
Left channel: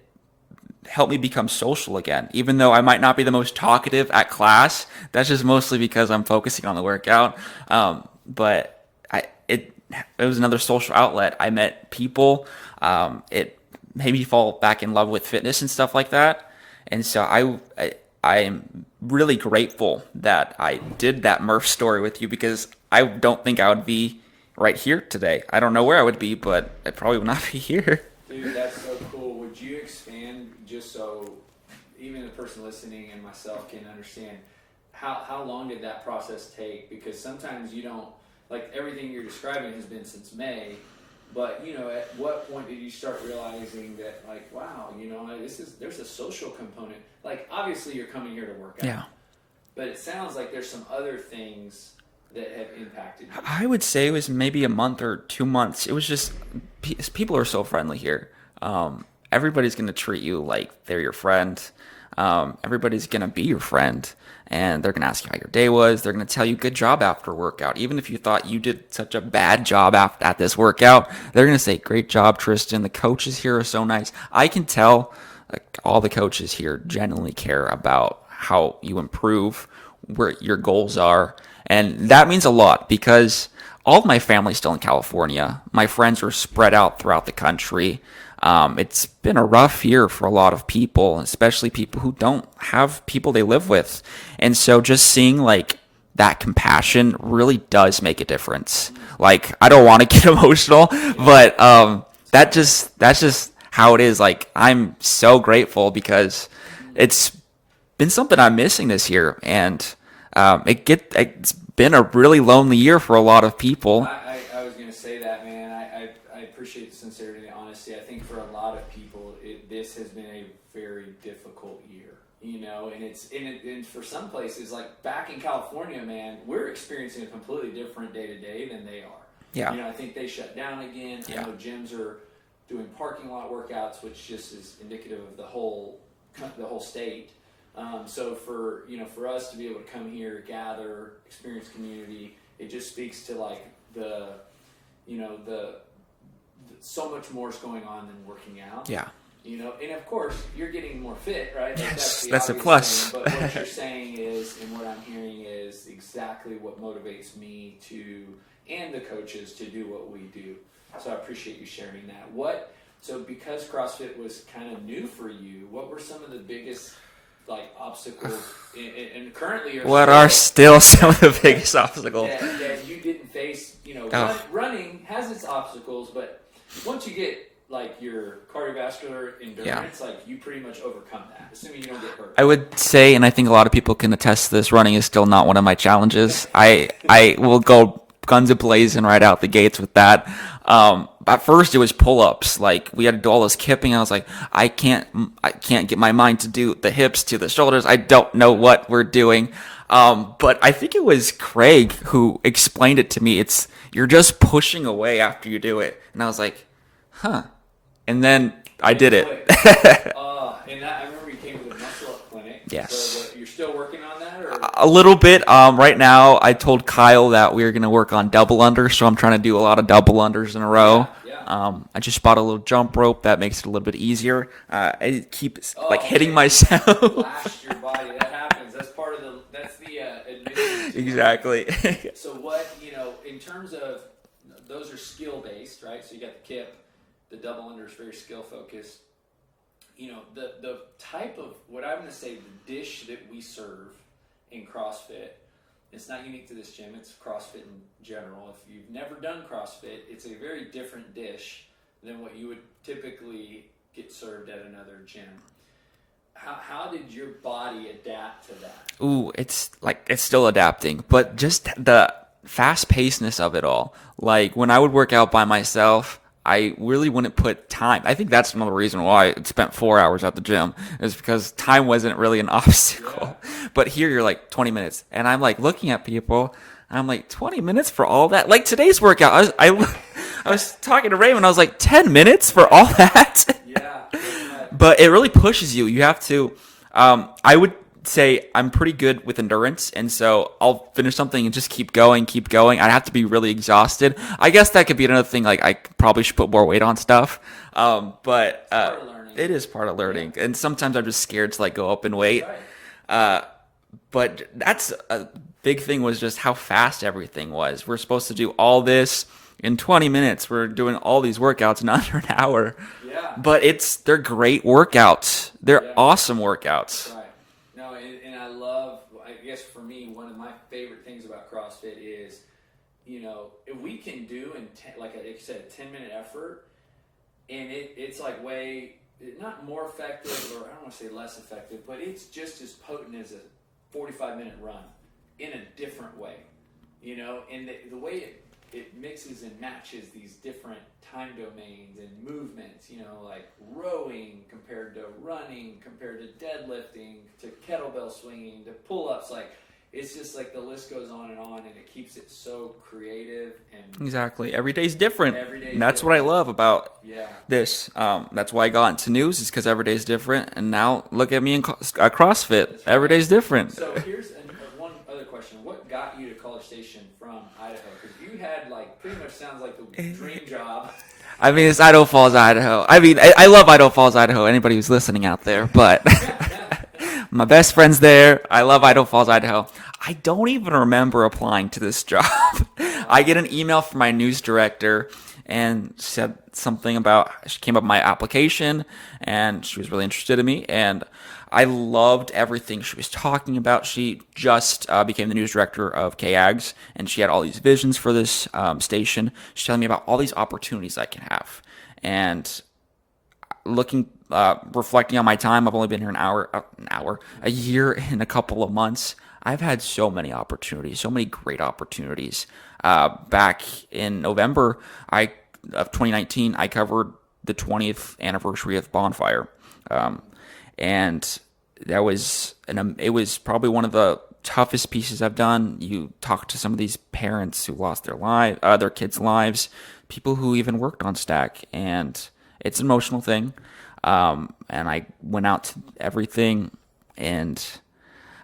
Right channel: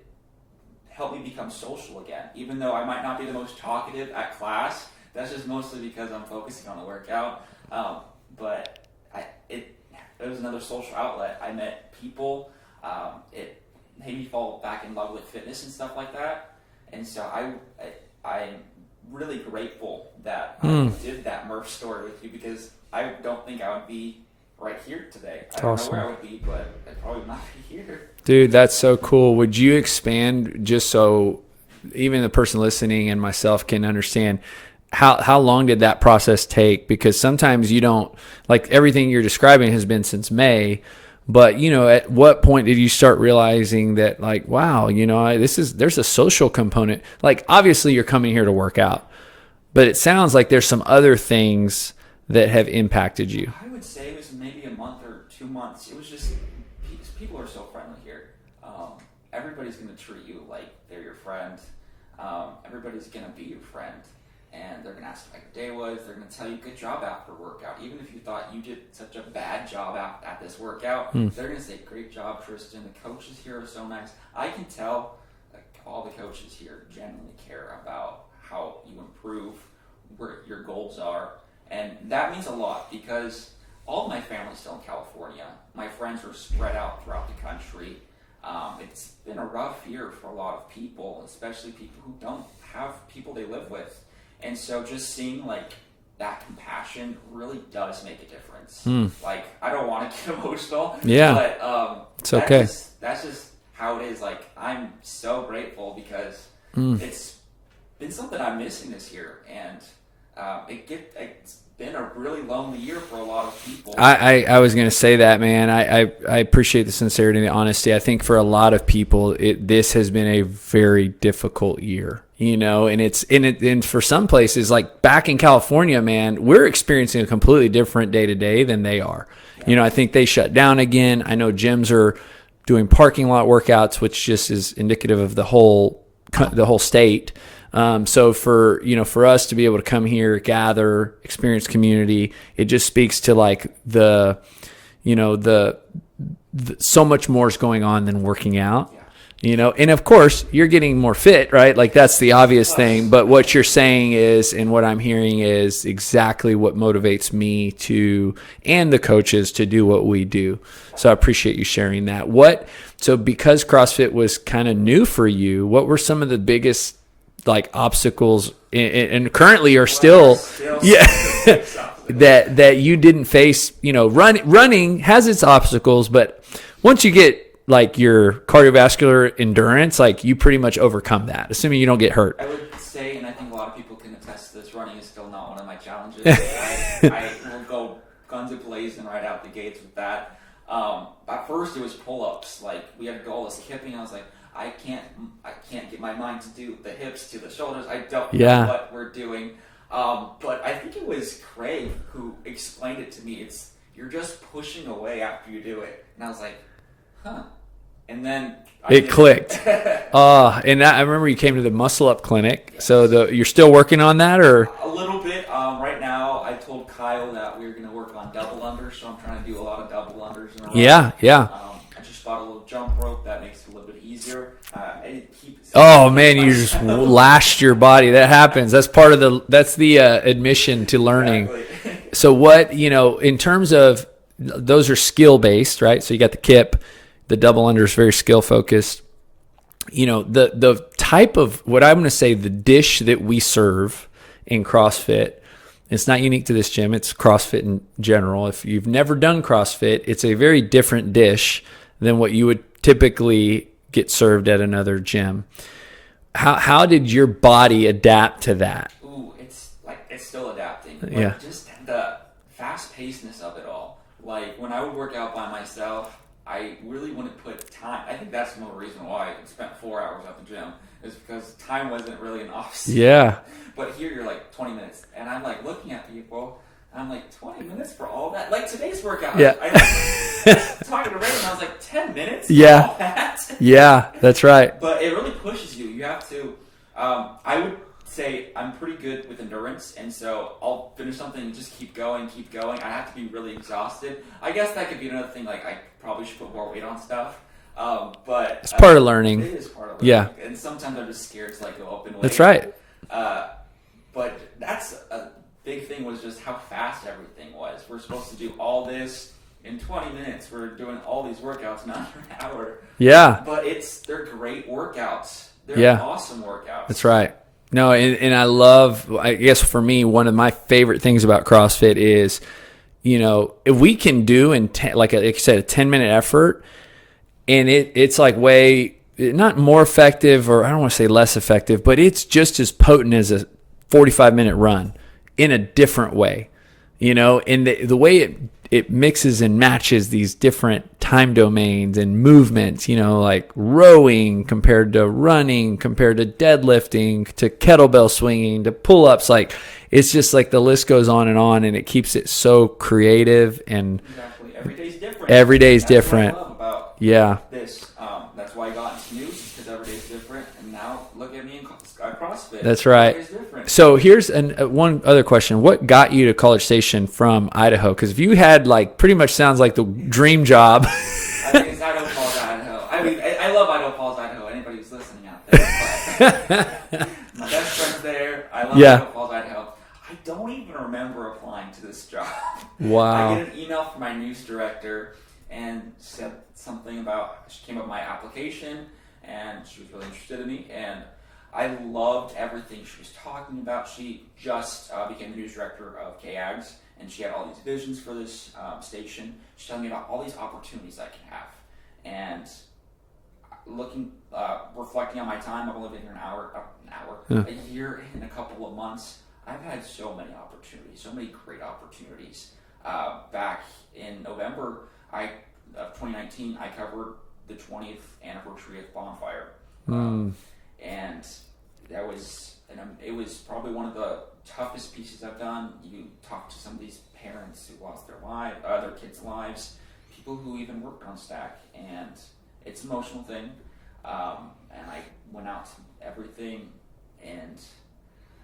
helped me become social again, even though I might not be the most talkative at class. That's just mostly because I'm focusing on the workout. But it was another social outlet. I met people. It made me fall back in love with fitness and stuff like that. And so I am really grateful that I did that Murph story with you, because I don't think I would be right here today. I don't know where I would be, but I probably would not be here. Dude, that's so cool. Would you expand just so even the person listening and myself can understand how long did that process take? Because sometimes you don't, like everything you're describing has been since May, but at what point did you start realizing that like, wow, there's a social component. Like obviously you're coming here to work out, but it sounds like there's some other things that have impacted you. I would say it was maybe a month or 2 months. It was just, people are so friendly here. Everybody's going to treat you like they're your friend. Everybody's going to be your friend, and they're going to ask you how your day was. They're going to tell you good job after workout. Even if you thought you did such a bad job at this workout, they're going to say, great job, Tristen. The coaches here are so nice. I can tell all the coaches here genuinely care about how you improve, where your goals are. And that means a lot, because all of my family's still in California. My friends are spread out throughout the country. It's been a rough year for a lot of people, especially people who don't have people they live with. And so just seeing like that compassion really does make a difference. Like, I don't want to get emotional, but that's just how it is. Like, I'm so grateful because it's been something I'm missing this year, and it's been a really lonely year for a lot of people. I was going to say that, man. I appreciate the sincerity and the honesty. I think for a lot of people, this has been a very difficult year, and for some places, like back in California, man, we're experiencing a completely different day to day than they are. Yeah. I think they shut down again. I know gyms are doing parking lot workouts, which just is indicative of the whole state. So for us to be able to come here, gather, experience community, it just speaks to like the so much more is going on than working out. Yeah. And of course you're getting more fit, right? Like that's the obvious thing. But what you're saying is, and what I'm hearing is exactly what motivates me and the coaches to do what we do. So I appreciate you sharing that. So because CrossFit was kind of new for you, what were some of the biggest like obstacles and currently are still some of the biggest obstacles that you didn't face? Running has its obstacles, but once you get like your cardiovascular endurance, like you pretty much overcome that, assuming you don't get hurt. I would say, and I think a lot of people can attest to this, running is still not one of my challenges. I will go guns a-blazing right out the gates with that. At first it was pull-ups. Like we had to do all this kipping. I was like, I can't get my mind to do the hips to the shoulders. I don't know what we're doing. But I think it was Craig who explained it to me. You're just pushing away after you do it. And I was like, huh. And then I did clicked. And I remember you came to the Muscle Up Clinic. Yes. So you're still working on that, or a little bit. Right now, I told Kyle that we were going to work on double unders, so I'm trying to do a lot of double unders in a row. Yeah. I just bought a little jump rope that makes it a little bit easier. I keep man, hitting you just lashed your body. That happens. That's part of the admission to learning. Exactly. So what, in terms of, those are skill based, right? So you got the kip, the double under is very skill focused. The type of, what I'm going to say, the dish that we serve in CrossFit, it's not unique to this gym. It's CrossFit in general. If you've never done CrossFit, it's a very different dish than what you would typically get served at another gym. How did your body adapt to that? Ooh, it's still adapting, but just the fast pacedness of it all. Like when I would work out by myself, I really wouldn't put time. I think that's another reason why I spent 4 hours at the gym, is because time wasn't really an option. Yeah. But here you're like 20 minutes, and I'm like looking at people, and I'm like, 20 minutes for all that? Like today's workout, I was talking to Raymond, I was like, 10 minutes for all that? Yeah, that's right. But it really pushes you. You have to, I would say I'm pretty good with endurance, and so I'll finish something and just keep going. I'd have to be really exhausted. I guess that could be another thing. Like I probably should put more weight on stuff. But it's part of learning. It is part of learning. Yeah. And sometimes I'm just scared to go up in weight. That's right. But that's a big thing, was just how fast everything was. We're supposed to do all this in 20 minutes. We're doing all these workouts in under an hour. Yeah. But they're great workouts. They're awesome workouts. That's right. No, and I love, I guess for me, one of my favorite things about CrossFit is, if we can do like I said, a 10-minute effort, and it's like way, not more effective, or I don't want to say less effective, but it's just as potent as a 45-minute run in a different way, and the way it mixes and matches these different time domains and movements, like rowing compared to running, compared to deadlifting, to kettlebell swinging, to pull-ups. Like, it's just like the list goes on, and it keeps it so creative. And exactly. Every day's different. That's what I love about this. That's why I got into news, is because every day's different. And now look at me in CrossFit. That's right. Every day's different. So here's one other question. What got you to College Station from Idaho? Because if you had pretty much sounds like the dream job. I mean, it's Idaho Falls, Idaho. I mean, I love Idaho Falls, Idaho. Anybody who's listening out there, but my best friend's there. I love Idaho Falls, Idaho. I don't even remember applying to this job. Wow. I get an email from my news director and said something about, she came up with my application, and she was really interested in me, and I loved everything she was talking about. She just became the news director of KXTB, and she had all these visions for this station. She's telling me about all these opportunities I can have. And reflecting on my time, I've only been here a year and a couple of months. I've had so many opportunities, so many great opportunities. Back in November of 2019, I covered the 20th anniversary of Bonfire. And that was it was probably one of the toughest pieces I've done. You talk to some of these parents who lost their kids' lives, people who even worked on Stack, and it's an emotional thing. And I went out to everything, and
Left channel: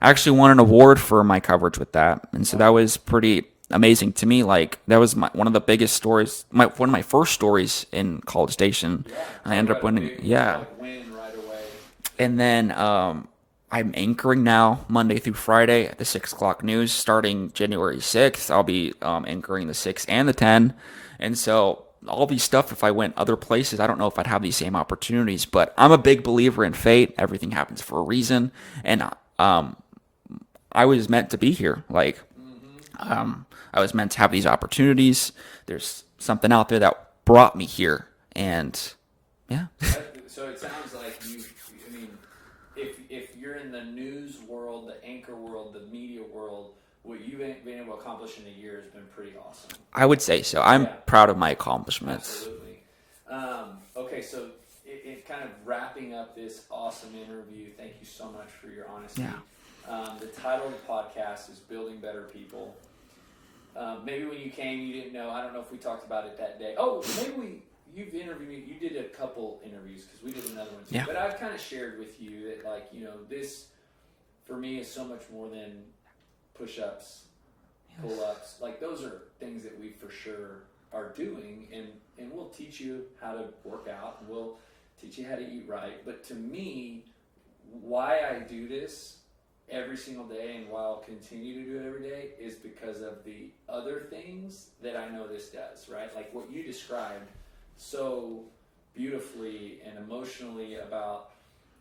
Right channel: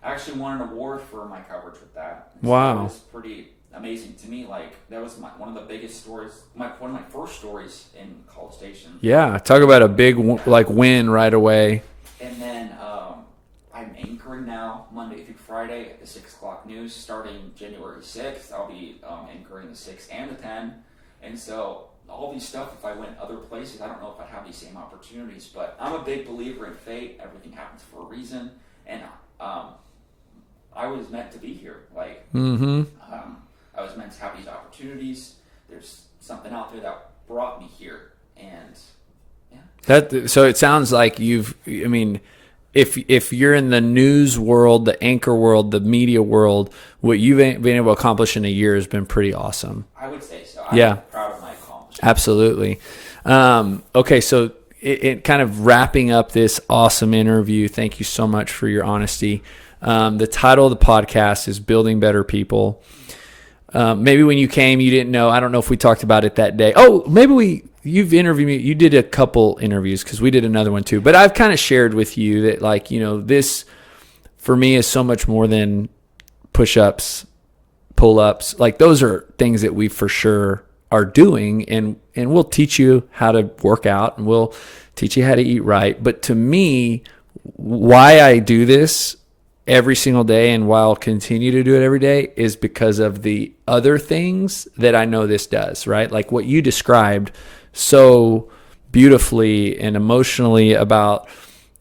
I actually won an award for my coverage with that, and so that was pretty amazing to me. Like, that was one of the biggest stories, one of my first stories in College Station. Yeah, talk about a big win right away. And then I'm anchoring now Monday through Friday at the 6 o'clock news starting January 6th. I'll be anchoring the 6 and the 10. And so all these stuff, if I went other places, I don't know if I'd have these same opportunities. But I'm a big believer in fate. Everything happens for a reason. And I was meant to be here. Like, I was meant to have these opportunities. There's something out there that brought me here. And yeah. So it sounds like if you're in the news world, the anchor world, the media world, what you've been able to accomplish in a year has been pretty awesome. I would say so. I'm proud of my accomplishments. Absolutely. Okay, so it kind of wrapping up this awesome interview. Thank you so much for your honesty. The title of the podcast is Building Better People. Maybe when you came, you didn't know. I don't know if we talked about it that day. Oh, maybe you've interviewed me. You did a couple interviews because we did another one too. Yeah. But I've kind of shared with you that, like, you know, this for me is so much more than push-ups, pull-ups. Like, those are things that we for sure are doing, and we'll teach you how to work out, and we'll teach you how to eat right. But to me, why I do this every single day and why I'll continue to do it every day is because of the other things that I know this does, right? Like what you described so beautifully and emotionally about,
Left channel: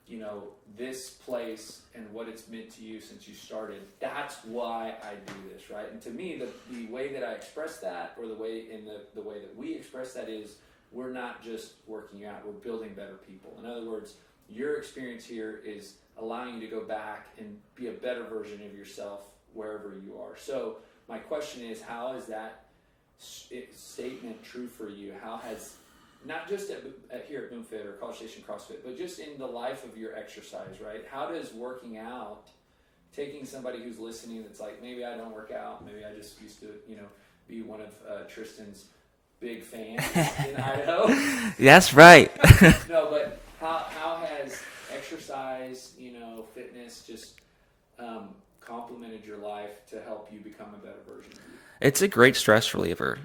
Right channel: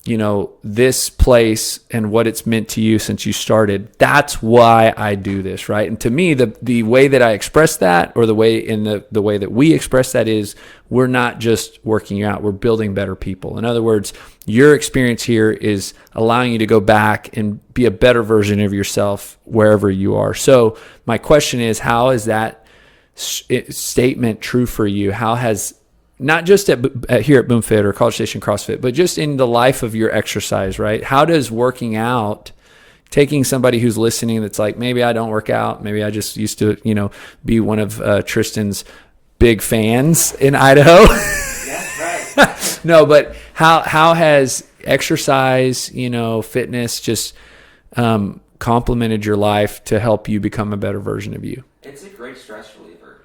you know, this place and what it's meant to you since you started. That's why I do this, right? And to me, the way that I express that, or the way that we express that, is we're not just working out, we're building better people. In other words, your experience here is allowing you to go back and be a better version of yourself wherever you are. So my question is, how is that statement true for you? How has, not just here at BoomFit or College Station CrossFit, but just in the life of your exercise, right? How does working out, taking somebody who's listening that's like, maybe I don't work out, maybe I just used to, you know, be one of Tristen's big fans in Idaho. That's right. No, but how has exercise, you know, fitness just complemented your life to help you become a better version of you? It's a great stress reliever.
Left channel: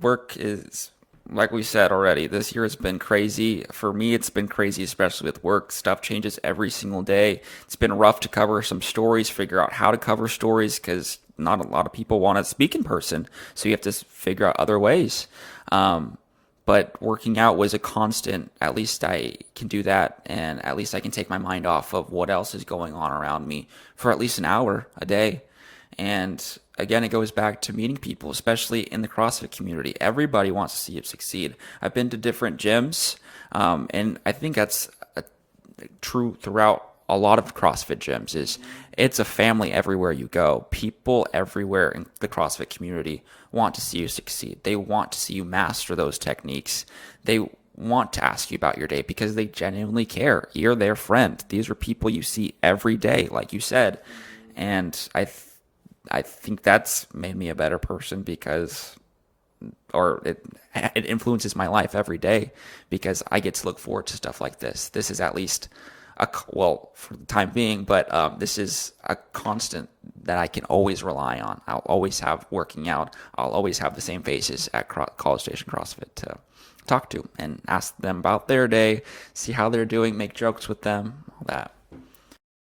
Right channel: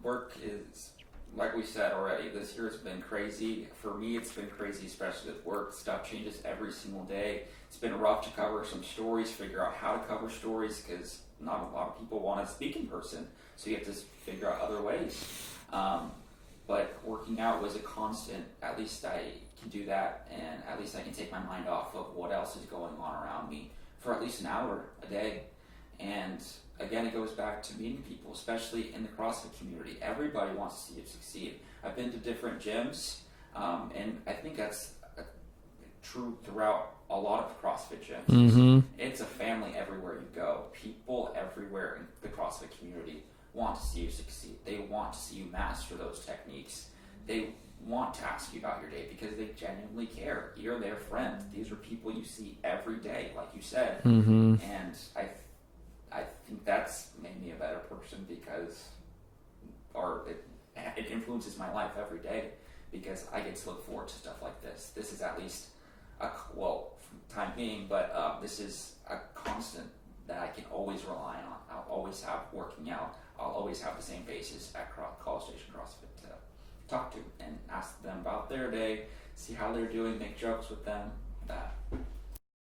Work is, like we said already, this year has been crazy. For me, it's been crazy, especially with work. Stuff changes every single day. It's been rough to cover some stories, figure out how to cover stories, because not a lot of people want to speak in person. So you have to figure out other ways. But working out was a constant. At least I can do that, and at least I can take my mind off of what else is going on around me for at least an hour a day. And again, it goes back to meeting people, especially in the CrossFit community. Everybody wants to see you succeed. I've been to different gyms, and I think that's true throughout a lot of CrossFit gyms. Is it's a family everywhere you go. People everywhere in the CrossFit community want to see you succeed. They want to see you master those techniques. They want to ask you about your day because they genuinely care. You're their friend. These are people you see every day, like you said. And I think that's made me a better person because, or it influences my life every day because I get to look forward to stuff like this. This is at least well, for the time being, but this is a constant that I can always rely on. I'll always have working out. I'll always have the same faces at College Station CrossFit to talk to and ask them about their day, see how they're doing, make jokes with them, all that.